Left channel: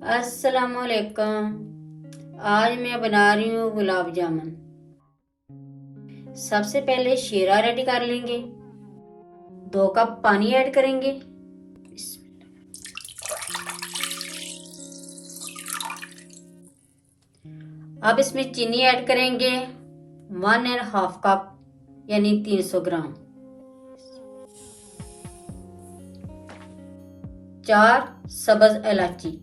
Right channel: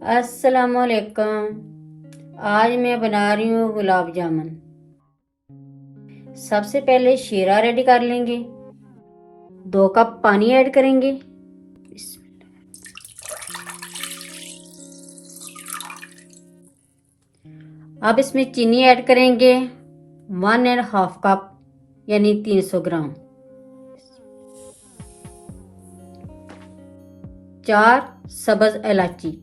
अस्सलामुअलैकुम। आज मैं बना रही हूँ गुलाब जामुन। सबसे पहले शीरा रेडी कर लेंगे। 2 कप पानी ऐड करेंगे। अब इसमें चीनी ऐड करेंगे 1.5 कप यानी 300 ग्राम। 4 सब्ज इलायची।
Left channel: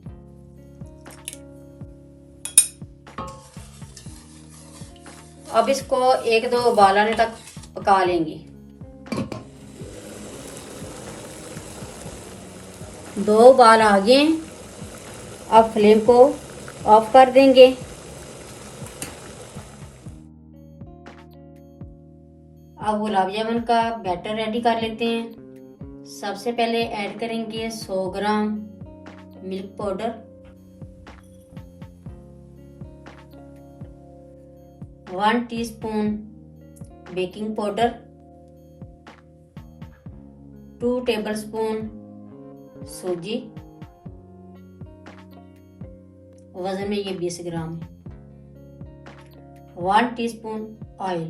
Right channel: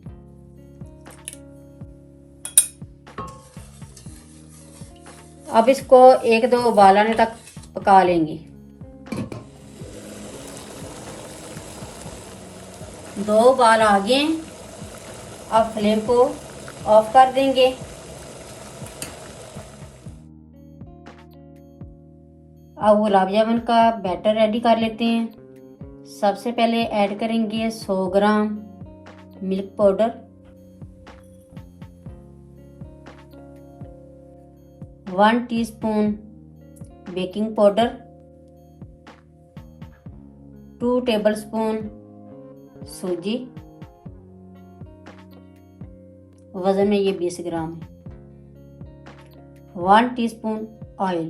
अब इसको 1-2 उबाल आने तक पका लेंगे। 2 उबाल आ गए। अब फ्लेम को ऑफ कर देंगे। अब गुलाब जामुन का बैटर रेडी कर लेते हैं। सबसे पहले ऐड करेंगे 100 ग्राम milk powder, 1 teaspoon baking powder, 2 tablespoon सूजी, वजन में ये 20 ग्राम है, 1 टीस्पून ऑयल,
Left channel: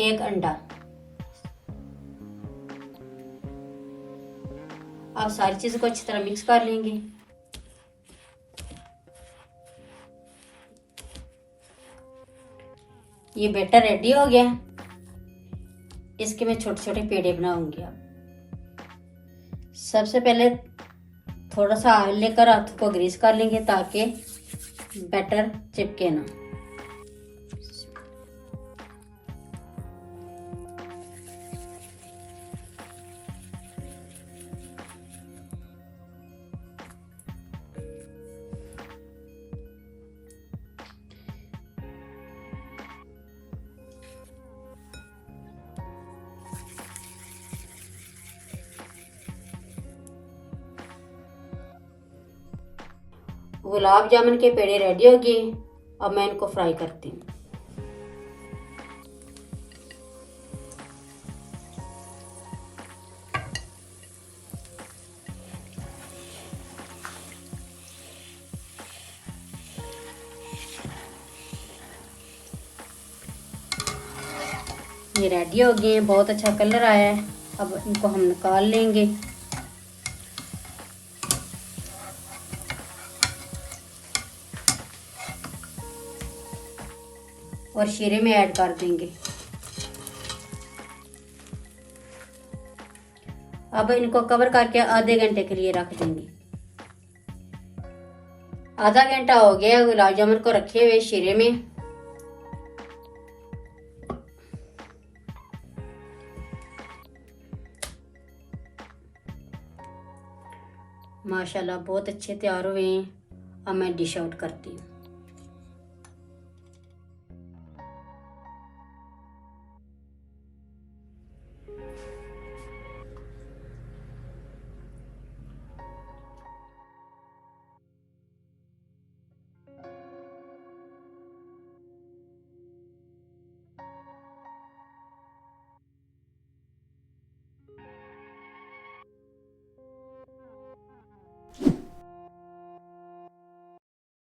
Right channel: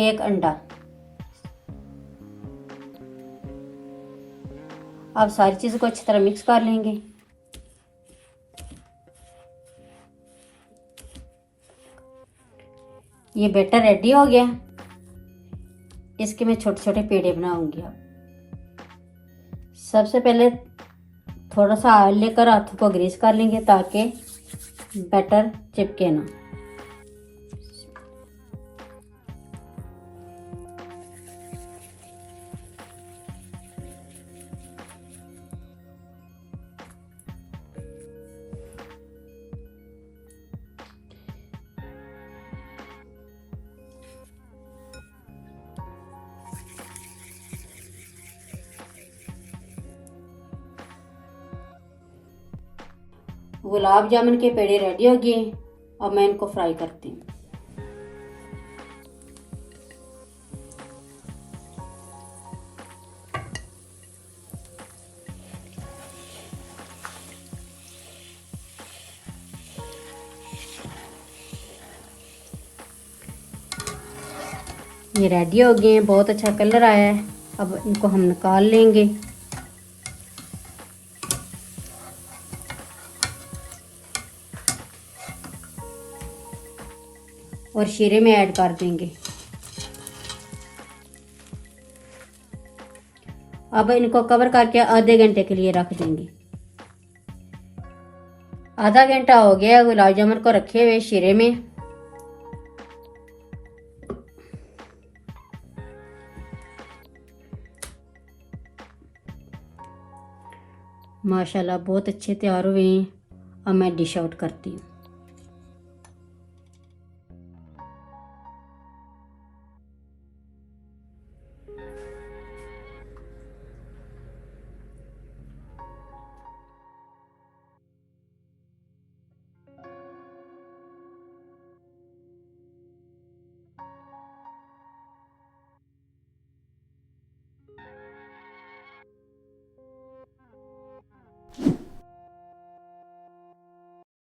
1 अंडा। अब सारी चीज को अच्छी तरह मिक्स कर लेंगे। ये बैटर रेडी हो गया। इसके मैं छोटे छोटे पेड़े बनाऊंगी। अब सबसे पहले थोड़ा सा ऑयल लेकर हाथों को ग्रीस कर लेंगे ताकि बैटर चिपके ना। गुलाब जामुन के पेड़े रेडी हो गए। अब मैं इनको फ्राई करती हूँ। ये रेडी हो गए। बहुत अच्छा कलर आया है। अब इनको हम निकाल लेंगे। और शीरे में ऐड कर देंगे। अब इनको कवर करके आधे घंटे के लिए रख देंगे। आधा घंटा हो गया गुलाब जामुन को रखे हुए शीरे में। माशाल्लाह बहुत अच्छे तैयार हुए हैं। अब मैं डिश आउट करती हूँ।